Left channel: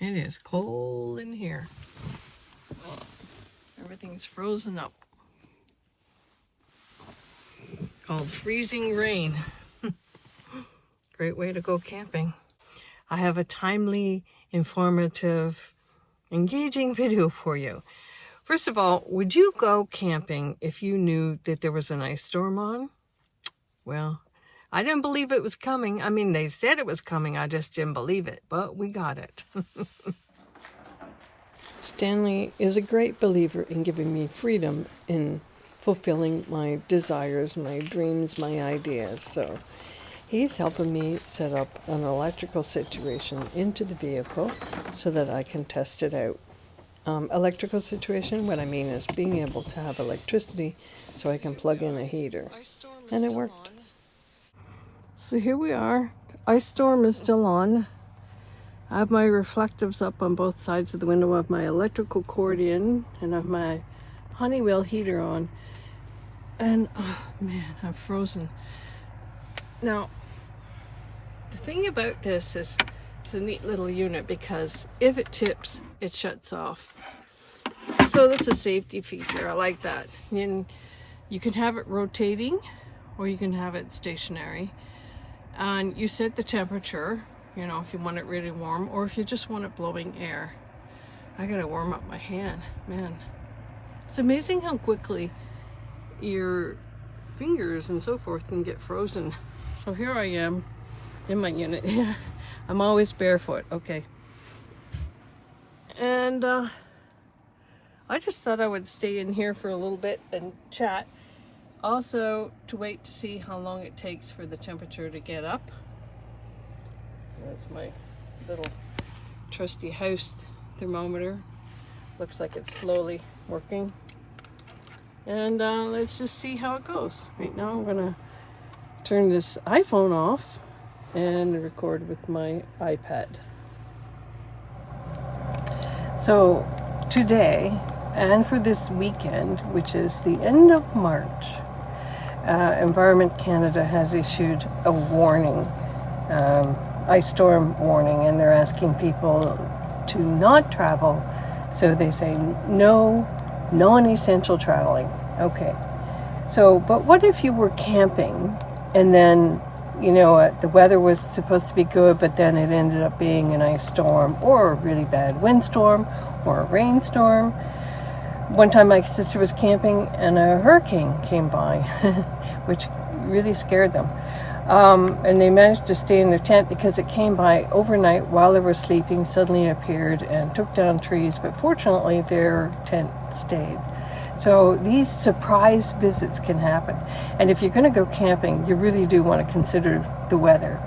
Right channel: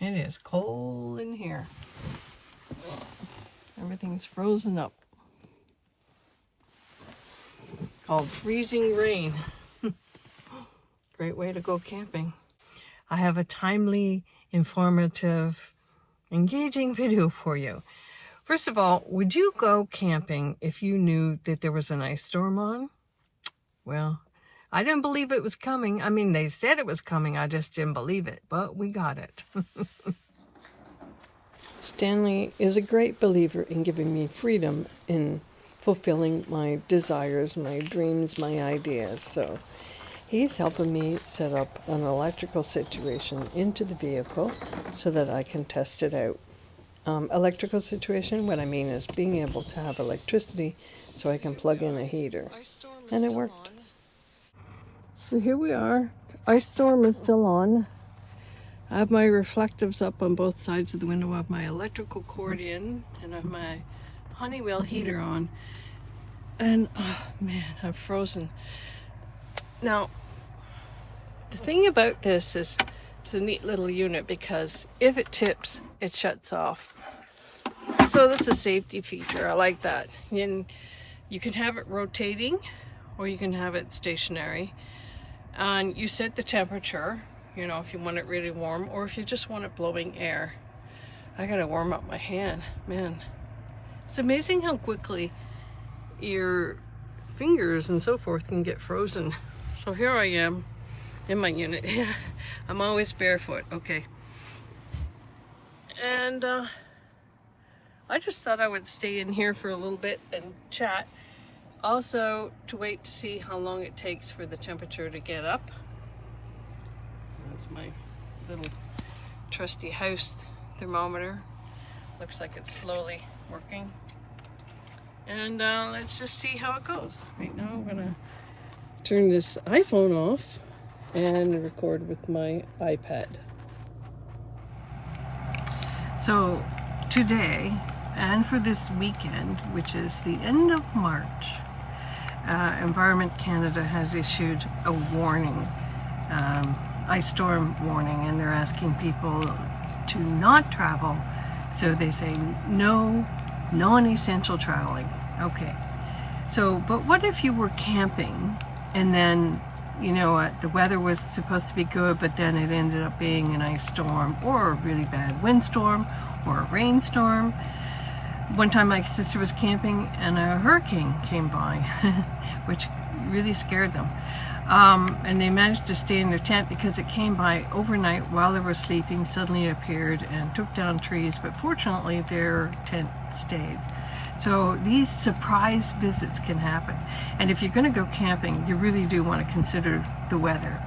It is cold in here. Everything's frozen up. Called freezing rain. Great way to go camping. I have a timely, informative, engaging video for you. First of all, would you go camping if you knew that there was an ice storm on? Well, I didn't believe it was coming. I mean, they said it was coming. I just didn't believe it, but we got it. Stanley is a great believer in giving me freedom in fulfilling my desires, my dreams, my ideas. So he's helping me set up an electrical situation into the vehicle so that I can test it out. Electrical situation, what I mean is being able to have electricity so I can plug in a heater. And it worked. So here we are. Ice storm is still on. I have my reflectives up on both sides of the window. I have my electrical cord in and I have my Honeywell heater on. And oh man, I'm frozen. Now, the thing about this is it's a neat little unit because if it tips, it shuts off. So that's a safety feature. I like that. And you can have it rotating or you can have it stationary. And you set the temperature, you know, if you want it really warm or if you just want it blowing air. I gotta warm up my hand, man. It's amazing how quickly your fingers and so forth can get frozen. So here I am in my unit. I'm always barefoot, okay. And I just thought I would stay in here for a little bit and chat. Also, to wait to see how long it takes for the temperature to get up. That's my little trusty house thermometer. Looks like it's slowly working. And let's just see how it goes. Right now I'm gonna turn this iPhone off and record with my iPad. So today, and for this weekend, which is the end of March, Environment Canada has issued a warning, ice storm warning, and they're asking people to not travel. So they say no non-essential traveling. Okay. So, but what if you were camping and then, you know, the weather was supposed to be good, but then it ended up being an ice storm or a really bad windstorm or a rainstorm? One time my sister was camping and a hurricane came by, which really scared them. And they managed to stay in their tent because it came by overnight while they were sleeping, suddenly appeared and took down trees, but fortunately their tent stayed. So these surprise visits can happen. And if you're going to go camping, you really do want to consider the weather.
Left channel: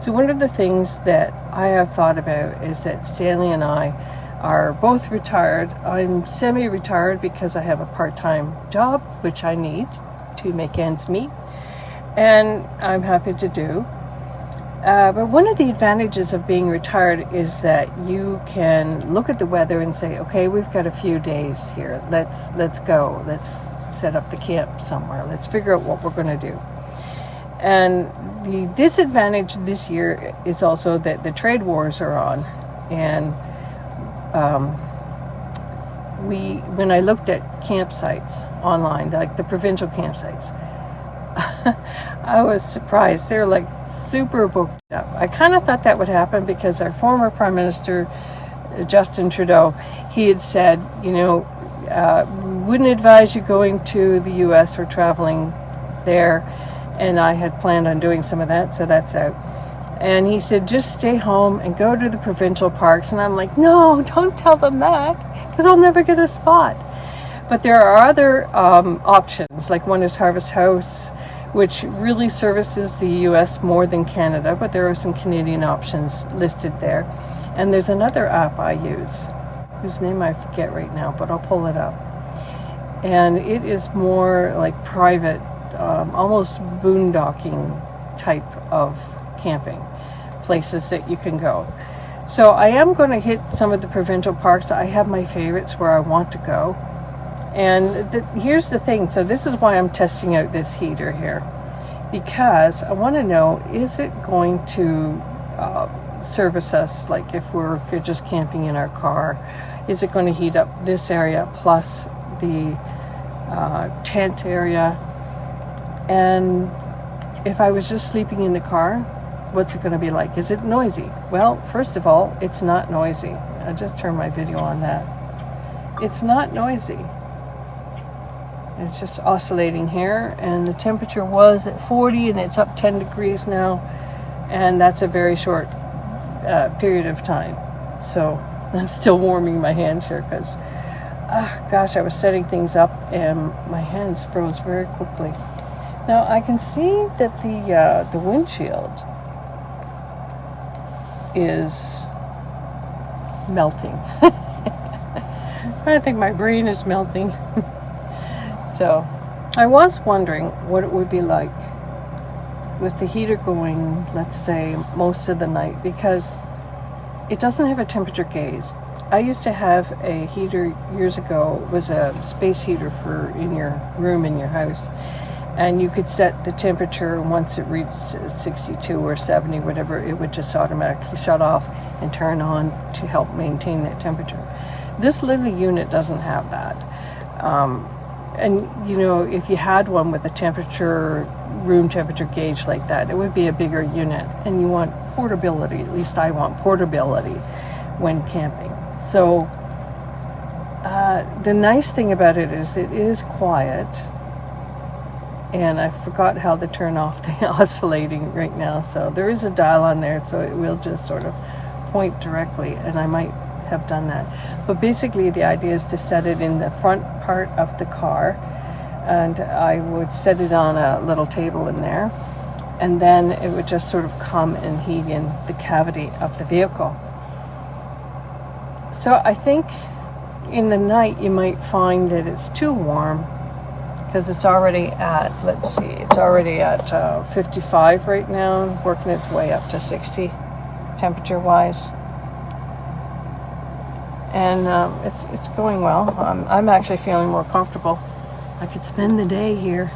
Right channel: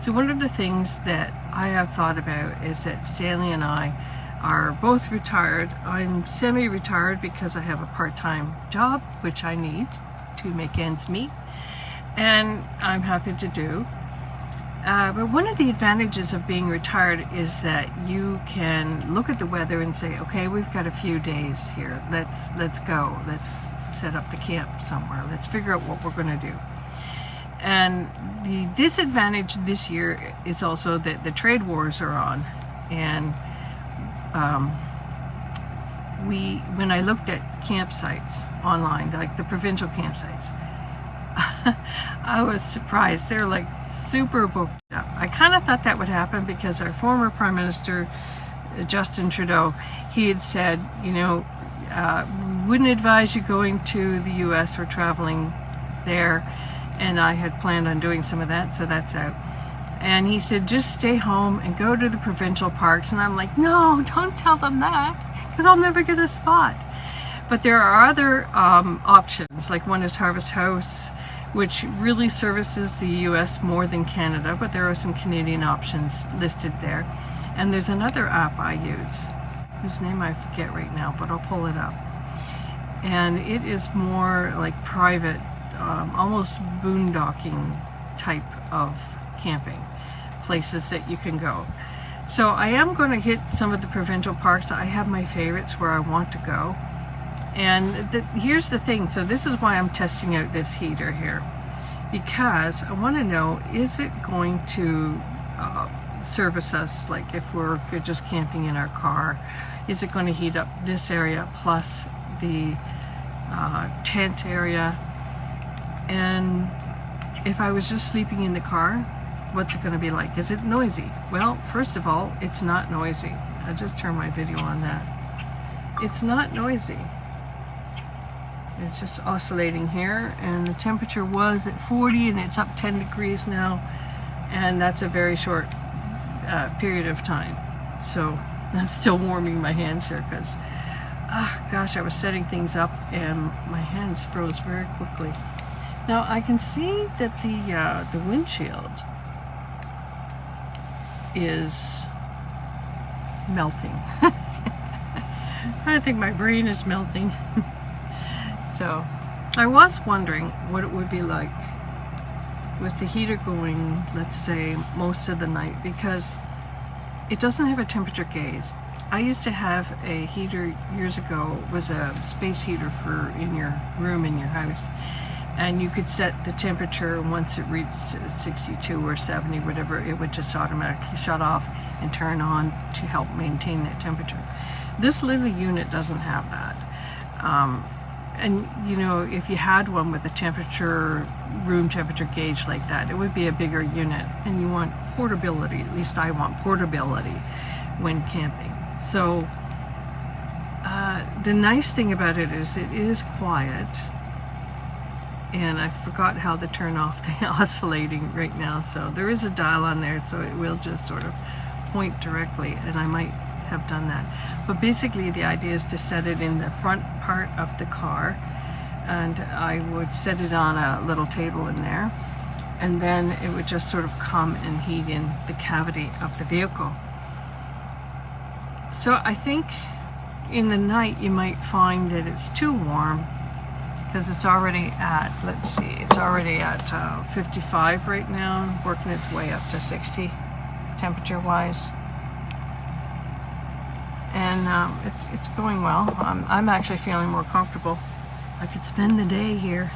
So one of the things that I have thought about is that Stanley and I are both retired. I'm semi-retired because I have a part-time job, which I need to make ends meet, and I'm happy to do. But one of the advantages of being retired is that you can look at the weather and say, okay, we've got a few days here. Let's go. Let's set up the camp somewhere. Let's figure out what we're going to do. And the disadvantage this year is also that the trade wars are on, and when I looked at campsites online, like the provincial campsites, I was surprised. They're like super booked up. I kind of thought that would happen because our former Prime Minister, Justin Trudeau, he had said, you know, we wouldn't advise you going to the US or traveling there. And I had planned on doing some of that, so that's out. And he said, just stay home and go to the provincial parks. And I'm like, no, don't tell them that, because I'll never get a spot. But there are other options, like one is Harvest House, which really services the US more than Canada, but there are some Canadian options listed there. And there's another app I use, whose name I forget right now, but I'll pull it up. And it is more like private, almost boondocking type of camping places that you can go. So I am going to hit some of the provincial parks. I have my favorites where I want to go. And here's the thing. So this is why I'm testing out this heater here, because I want to know, is it going to service us, like if we're just camping in our car? Is it going to heat up this area plus the tent area? And if I was just sleeping in the car, what's it going to be like? Is it noisy? Well, first of all, it's not noisy. I just turned my video on that. It's not noisy. It's just oscillating here, and the temperature was at 40 and it's up 10 degrees now, and that's a very short period of time. So I'm still warming my hands here because gosh, I was setting things up and my hands froze very quickly. Now I can see that the windshield is melting. I think my brain is melting. So I was wondering what it would be like with the heater going, let's say, most of the night, because it doesn't have a temperature gauge. I used to have a heater years ago. It was a space heater for in your room in your house, and you could set the temperature. Once it reached 62 or 70, whatever, it would just automatically shut off and turn on to help maintain that temperature. This little unit doesn't have that. And you know, if you had one with a temperature, room temperature gauge like that, it would be a bigger unit, and you want portability. At least I want portability when camping. So the nice thing about it is quiet, and I forgot how to turn off the oscillating right now. So there is a dial on there, so it will just sort of point directly, and I might have done that. But basically the idea is to set it in the front part of the car, and I would set it on a little table in there, and then it would just sort of come and heat in the cavity of the vehicle. So I think in the night you might find that it's too warm, because it's already at, let's see, it's already at 55 right now, working its way up to 60 temperature wise. And it's going well. I'm actually feeling more comfortable. I could spend the day here.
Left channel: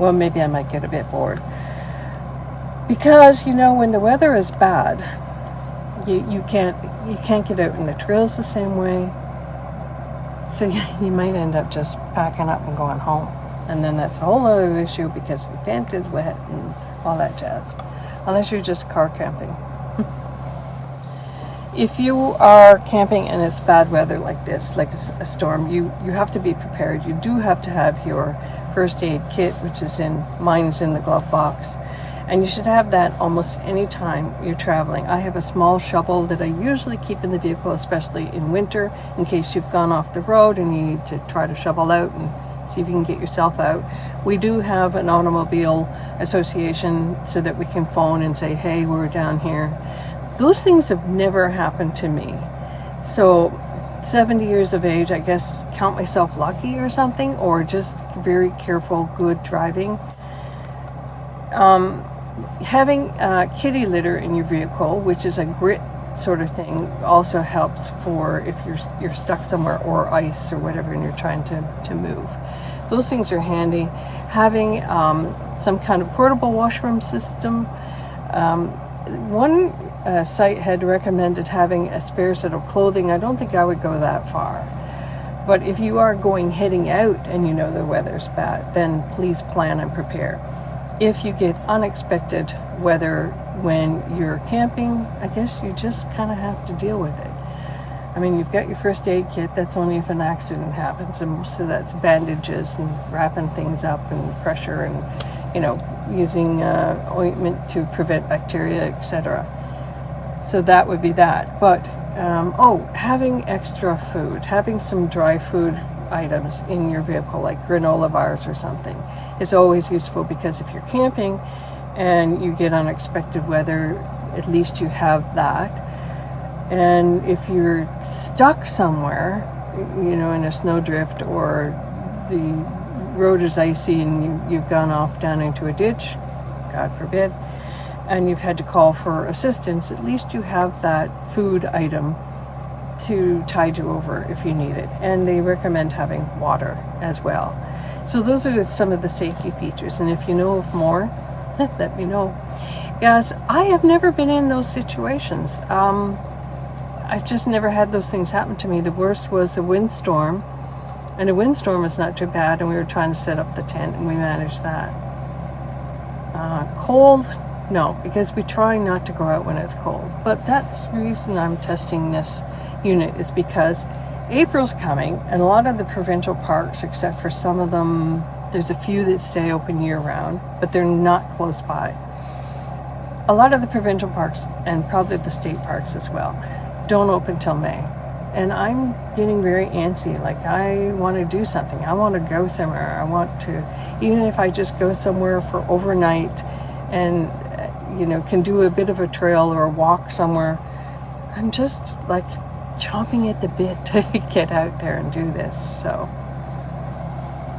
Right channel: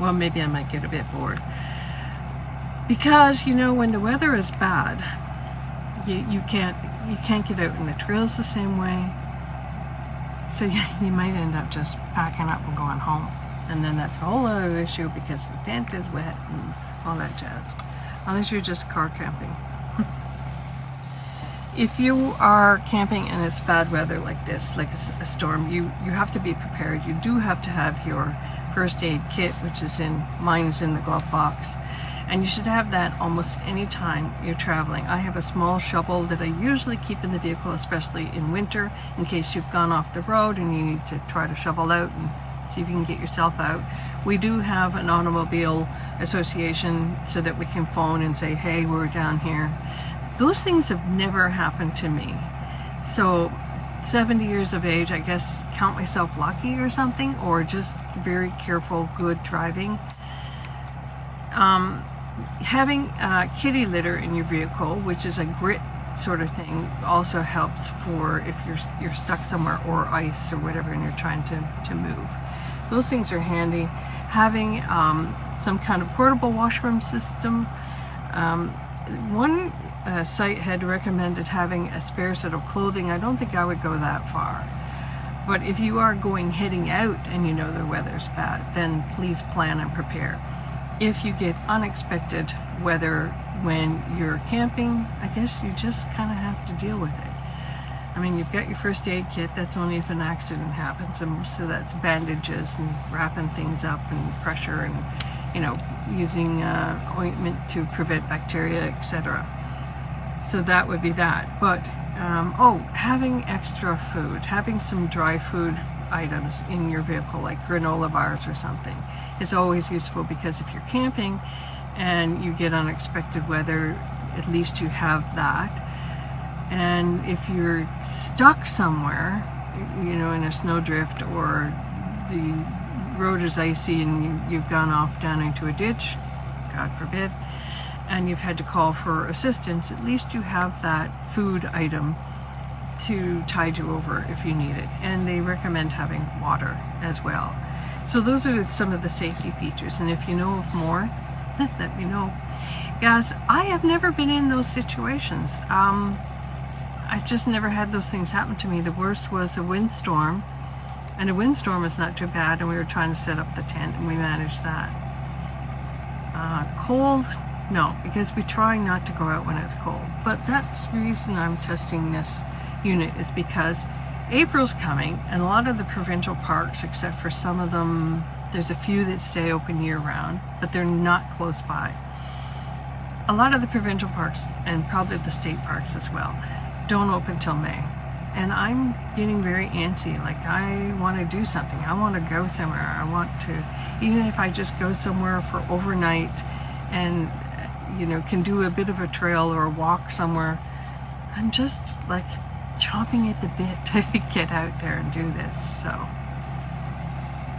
Well, maybe I might get a bit bored. Because, you know, when the weather is bad, you can't get out in the trails the same way. So you might end up just packing up and going home. And then that's a whole other issue because the tent is wet and all that jazz. Unless you're just car camping. If you are camping and it's bad weather like this, like a storm, you have to be prepared. You do have to have your first aid kit, which is mine is in the glove box. And you should have that almost any time you're traveling. I have a small shovel that I usually keep in the vehicle, especially in winter, in case you've gone off the road and you need to try to shovel out and see if you can get yourself out. We do have an automobile association so that we can phone and say, hey, we're down here. Those things have never happened to me. So 70 years of age, I guess, count myself lucky or something, or just very careful, good driving. Having kitty litter in your vehicle, which is a grit sort of thing, also helps for if you're stuck somewhere, or ice or whatever, and you're trying to move. Those things are handy. Having some kind of portable washroom system. One site had recommended having a spare set of clothing. I don't think I would go that far. But if you are heading out and you know the weather's bad, then please plan and prepare. If you get unexpected weather when you're camping, I guess you just kind of have to deal with it. I mean, you've got your first aid kit. That's only if an accident happens, and most of that's bandages and wrapping things up and pressure and, you know, using ointment to prevent bacteria, etc. So that would be that. But having extra food, having some dry food items in your vehicle, like granola bars or something, is always useful, because if you're camping and you get unexpected weather, at least you have that. And if you're stuck somewhere, you know, in a snowdrift, or the road is icy and you've gone off down into a ditch, God forbid, and you've had to call for assistance, at least you have that food item to tide you over if you need it. And they recommend having water as well. So those are some of the safety features, and if you know of more, let me know. Yes, I have never been in those situations. I've just never had those things happen to me. The worst was a windstorm, and a windstorm was not too bad, and we were trying to set up the tent, and we managed that. Cold, no, because we try not to go out when it's cold. But that's the reason I'm testing this unit, is because April's coming, and a lot of the provincial parks, except for some of them, there's a few that stay open year-round, but they're not close by. A lot of the provincial parks, and probably the state parks as well, don't open till May. And I'm getting very antsy. Like, I want to do something. I want to go somewhere. I want to, even if I just go somewhere for overnight and, can do a bit of a trail or a walk somewhere. I'm just like chomping at the bit to get out there and do this. So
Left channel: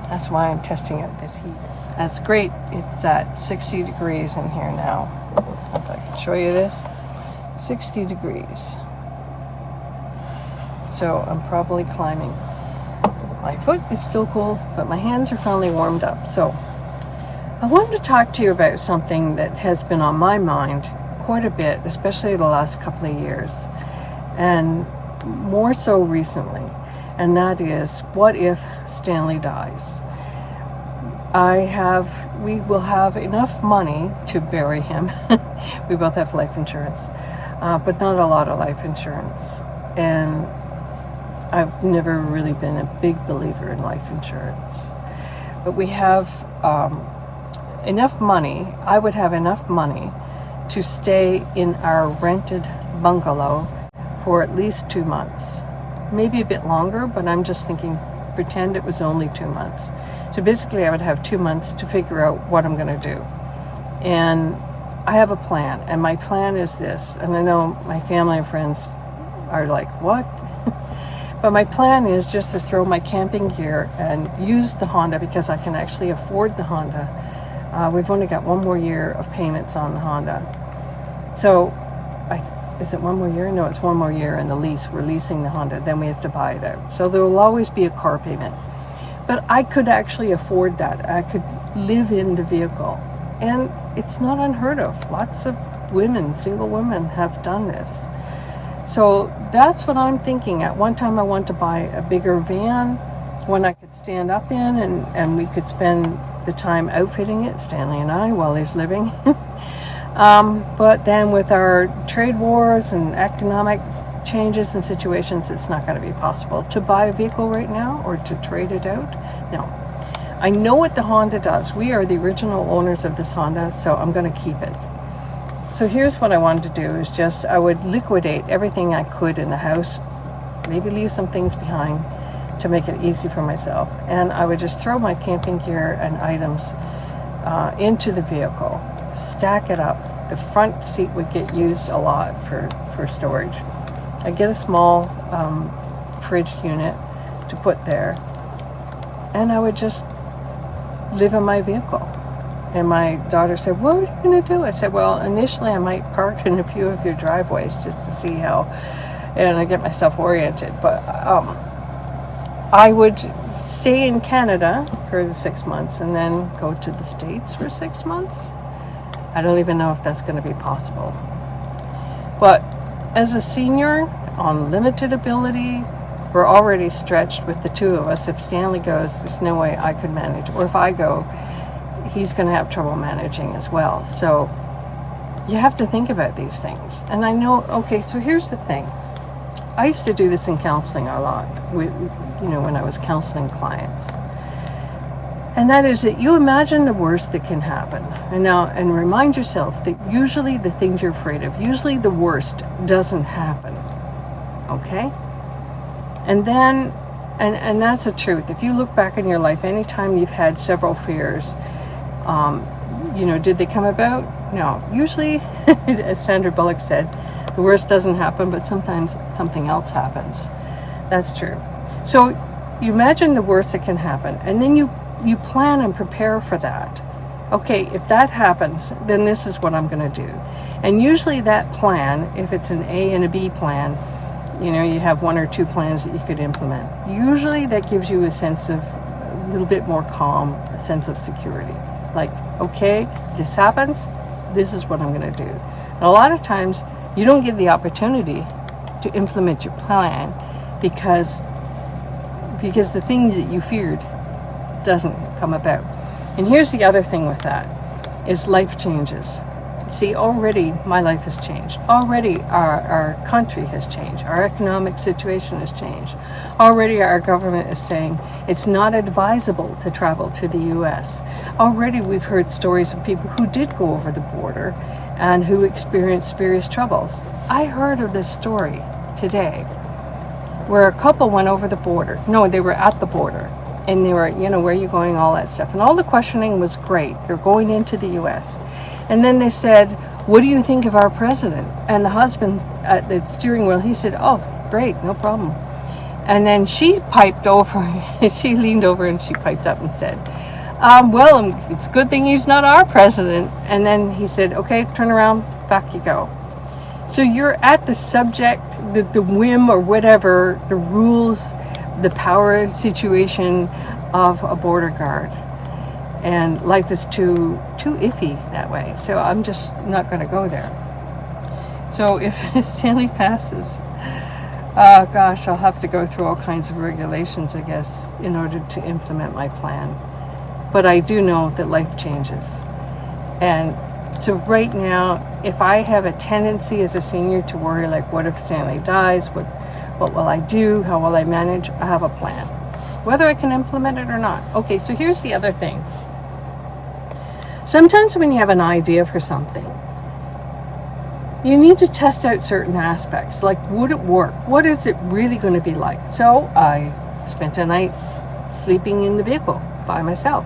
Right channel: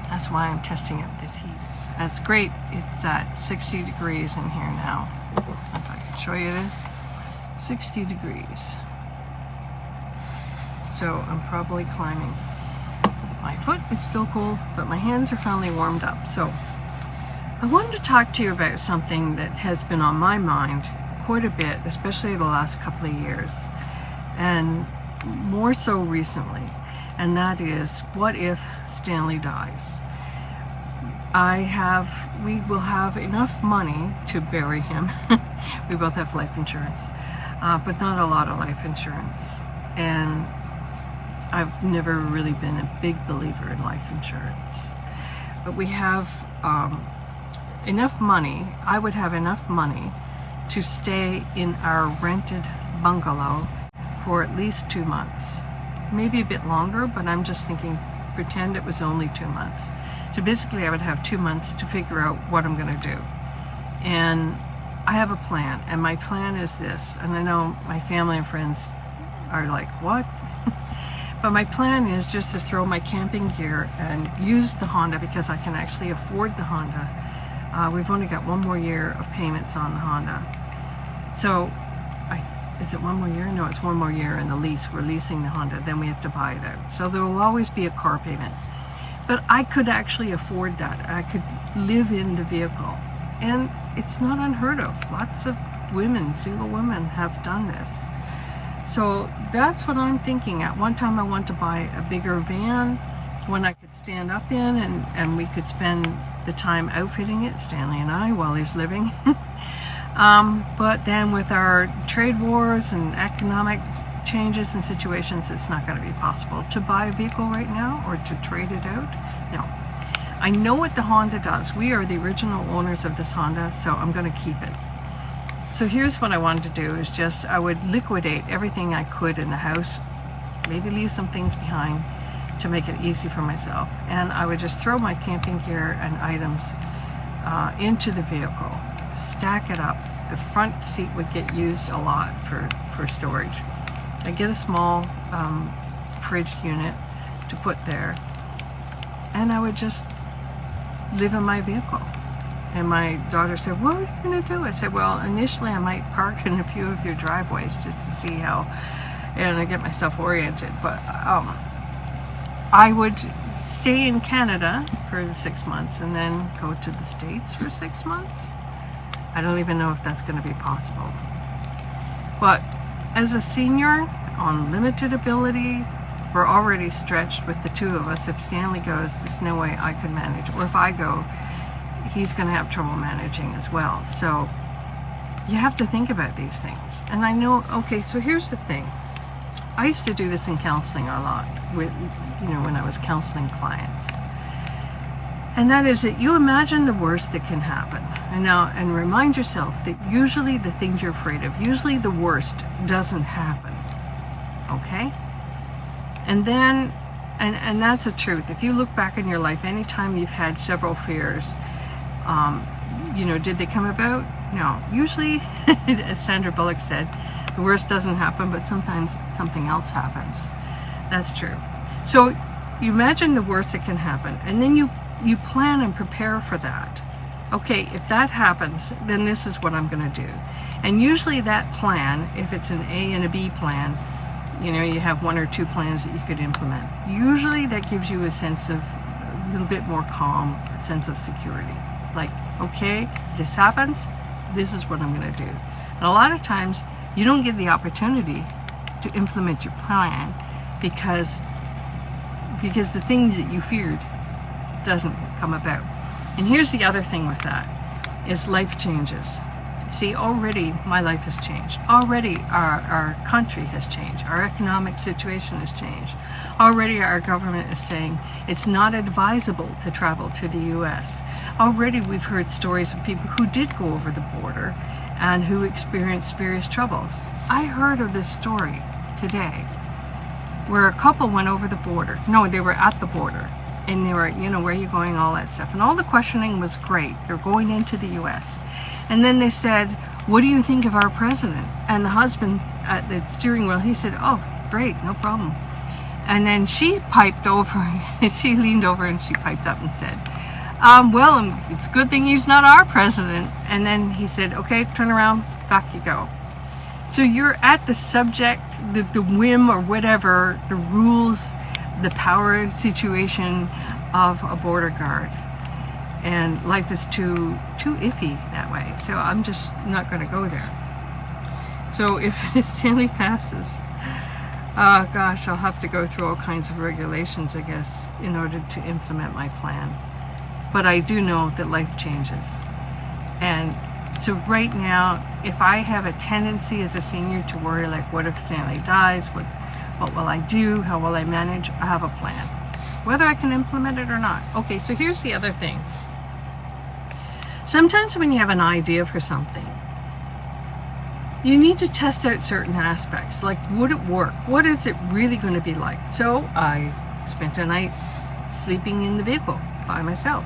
that's why I'm testing out this heater. That's great. It's at 60 degrees in here now. If I can show you this, 60 degrees. So I'm probably climbing. My foot is still cold, but my hands are finally warmed up. So I wanted to talk to you about something that has been on my mind quite a bit, especially the last couple of years, and more so recently. And that is, what if Stanley dies? We will have enough money to bury him. We both have life insurance, but not a lot of life insurance. And I've never really been a big believer in life insurance. But we have enough money, I would have enough money to stay in our rented bungalow for at least 2 months. Maybe a bit longer, but I'm just thinking, pretend it was only 2 months. So basically I would have 2 months to figure out what I'm going to do. And I have a plan, and my plan is this, and I know my family and friends are like, what? But my plan is just to throw my camping gear and use the Honda, because I can actually afford the Honda. We've only got 1 more year of payments on the Honda. So, is it 1 more year? No, it's 1 more year in the lease. We're leasing the Honda, then we have to buy it out. So there will always be a car payment. But I could actually afford that. I could live in the vehicle. And it's not unheard of. Lots of women, single women, have done this. So that's what I'm thinking. At one time I want to buy a bigger van, one I could stand up in, and we could spend the time outfitting it, Stanley and I, while he's living. But then with our trade wars and economic changes and situations, it's not going to be possible to buy a vehicle right now or to trade it out. No. I know what the Honda does. We are the original owners of this Honda, so I'm going to keep it. So here's what I wanted to do, is just, I would liquidate everything I could in the house, maybe leave some things behind to make it easy for myself. And I would just throw my camping gear and items into the vehicle, stack it up. The front seat would get used a lot for storage. I'd get a small fridge unit to put there, and I would just live in my vehicle. And my daughter said, what are you going to do? I said, well, initially I might park in a few of your driveways just to see how, and I get myself oriented. But I would stay in Canada for the 6 months and then go to the States for 6 months. I don't even know if that's going to be possible. But as a senior on limited ability, we're already stretched with the two of us. If Stanley goes, there's no way I could manage. Or if I go, he's going to have trouble managing as well. So you have to think about these things. And I know, okay, so here's the thing. I used to do this in counseling a lot, with, when I was counseling clients. And that is that you imagine the worst that can happen. And remind yourself that usually the things you're afraid of, usually the worst doesn't happen. Okay? And then, and that's the truth. If you look back in your life, anytime you've had several fears, did they come about? No. Usually, as Sandra Bullock said, the worst doesn't happen, but sometimes something else happens. That's true. So you imagine the worst that can happen, and then you plan and prepare for that. Okay, if that happens, then this is what I'm going to do. And usually that plan, if it's an A and a B plan, you have 1 or 2 plans that you could implement. Usually that gives you a sense of a little bit more calm, a sense of security. Like, okay, this happens, this is what I'm going to do. And a lot of times you don't get the opportunity to implement your plan because the thing that you feared doesn't come about. And here's the other thing with that, is life changes. See, already my life has changed. Already our country has changed. Our economic situation has changed. Already our government is saying it's not advisable to travel to the US. Already we've heard stories of people who did go over the border and who experienced various troubles. I heard of this story today where a couple went over the border. No, they were at the border. And they were, where are you going, all that stuff. And all the questioning was great. They're going into the US. And then they said, what do you think of our president? And the husband at the steering wheel, he said, oh, great, no problem. And then she piped over, she leaned over and she piped up and said, well, it's a good thing he's not our president. And then he said, okay, turn around, back you go. So you're at the subject, the whim or whatever, the rules, the power situation of a border guard. And life is too iffy that way. So I'm just not going to go there. So if Stanley passes, gosh, I'll have to go through all kinds of regulations, I guess, in order to implement my plan. But I do know that life changes. And so right now, if I have a tendency as a senior to worry, like, what if Stanley dies? What will I do? How will I manage? I have a plan, whether I can implement it or not. Okay, so here's the other thing. Sometimes when you have an idea for something, you need to test out certain aspects. Like, would it work? What is it really going to be like? So I spent a night sleeping in the vehicle by myself.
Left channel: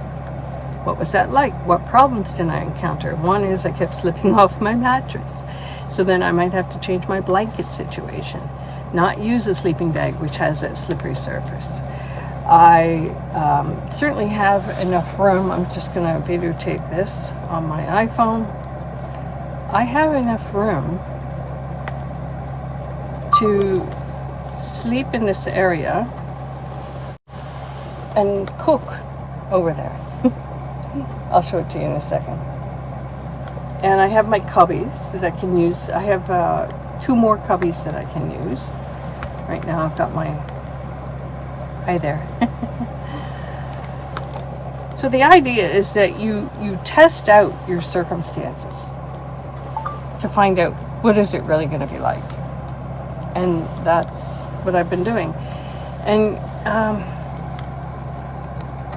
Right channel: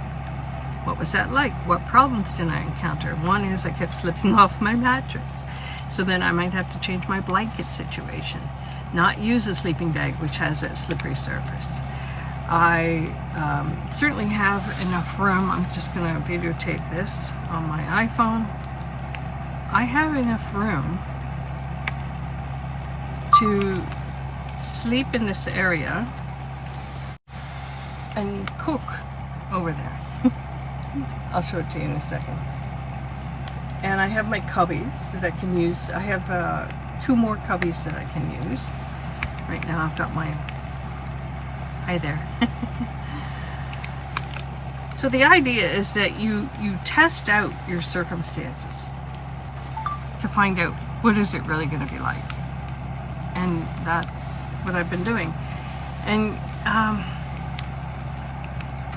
What was that like? What problems did I encounter? One is I kept slipping off my mattress. So then I might have to change my blanket situation. Not use a sleeping bag, which has a slippery surface. I certainly have enough room. I'm just going to videotape this on my iPhone. I have enough room to sleep in this area and cook over there. I'll show it to you in a second. And I have my cubbies that I can use. I have 2 more cubbies that I can use. Right now I've got my... Hi there. So the idea is that you test out your circumstances to find out what is it really going to be like. And that's what I've been doing. And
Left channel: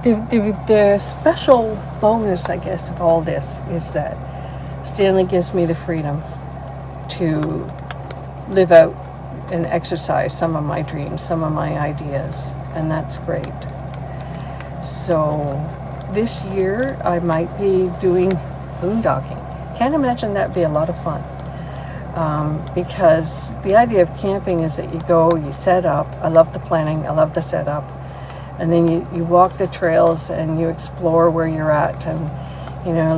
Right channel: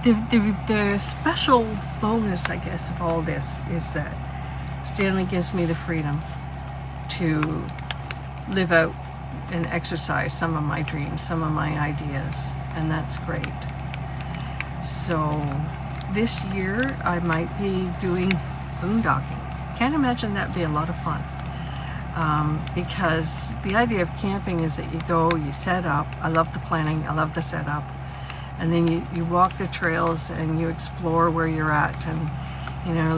the special bonus, I guess, of all this is that Stanley gives me the freedom to live out and exercise some of my dreams, some of my ideas, and that's great. So this year I might be doing boondocking. Can't imagine that'd be a lot of fun. Because the idea of camping is that you go, you set up. I love the planning, I love the setup. And then you walk the trails and you explore where you're at and,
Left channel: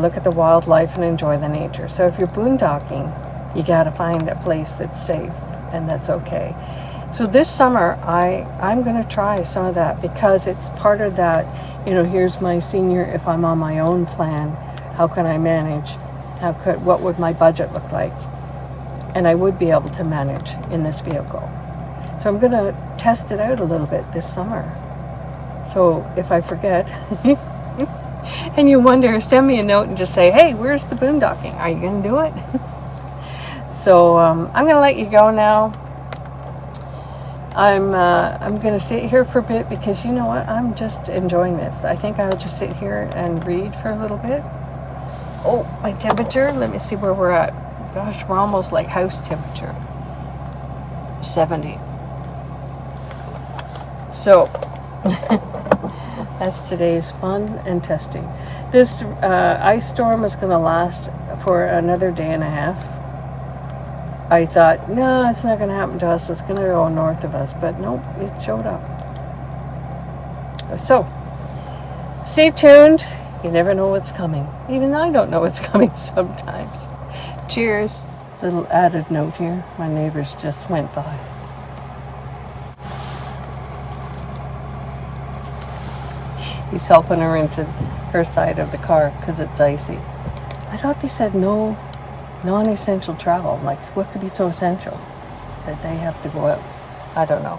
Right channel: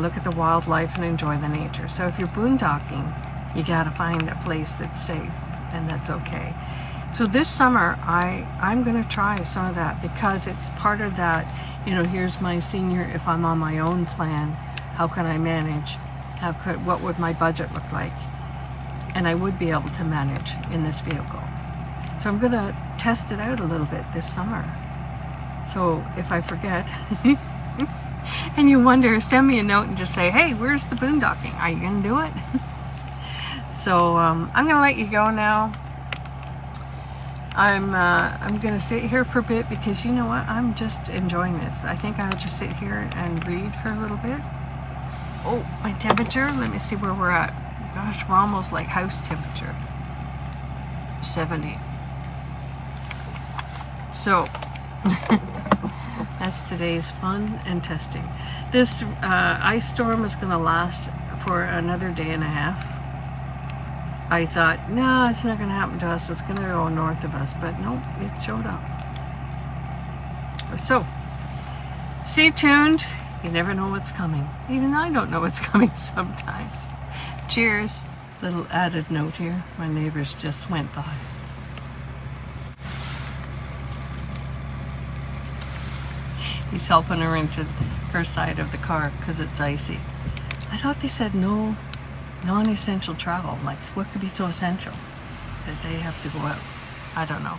look at the wildlife and enjoy the nature. So if you're boondocking, you gotta find a place that's safe and that's okay. So this summer, I'm gonna try some of that because it's part of that, here's my senior, if I'm on my own plan, how can I manage? What would my budget look like? And I would be able to manage in this vehicle. So I'm gonna test it out a little bit this summer. So if I forget, and you wonder, send me a note and just say, hey, where's the boondocking? Are you gonna do it? So I'm gonna let you go now. I'm gonna sit here for a bit because you know what? I'm just enjoying this. I think I'll just sit here and read for a little bit. Oh, my temperature. Let me see where we're at. Gosh, we're almost like house temperature. 70. So that's today's fun and testing. This ice storm is going to last for another day and a half. I thought, no, it's not going to happen to us. It's going to go north of us. But nope, it showed up. So, stay tuned. You never know what's coming. Even I don't know what's coming sometimes. Cheers. Little added note here. My neighbors just went by. He's helping her into her side of the car because it's icy. I thought they said no non-essential travel. Like, what could be so essential that they have to go out? I don't know.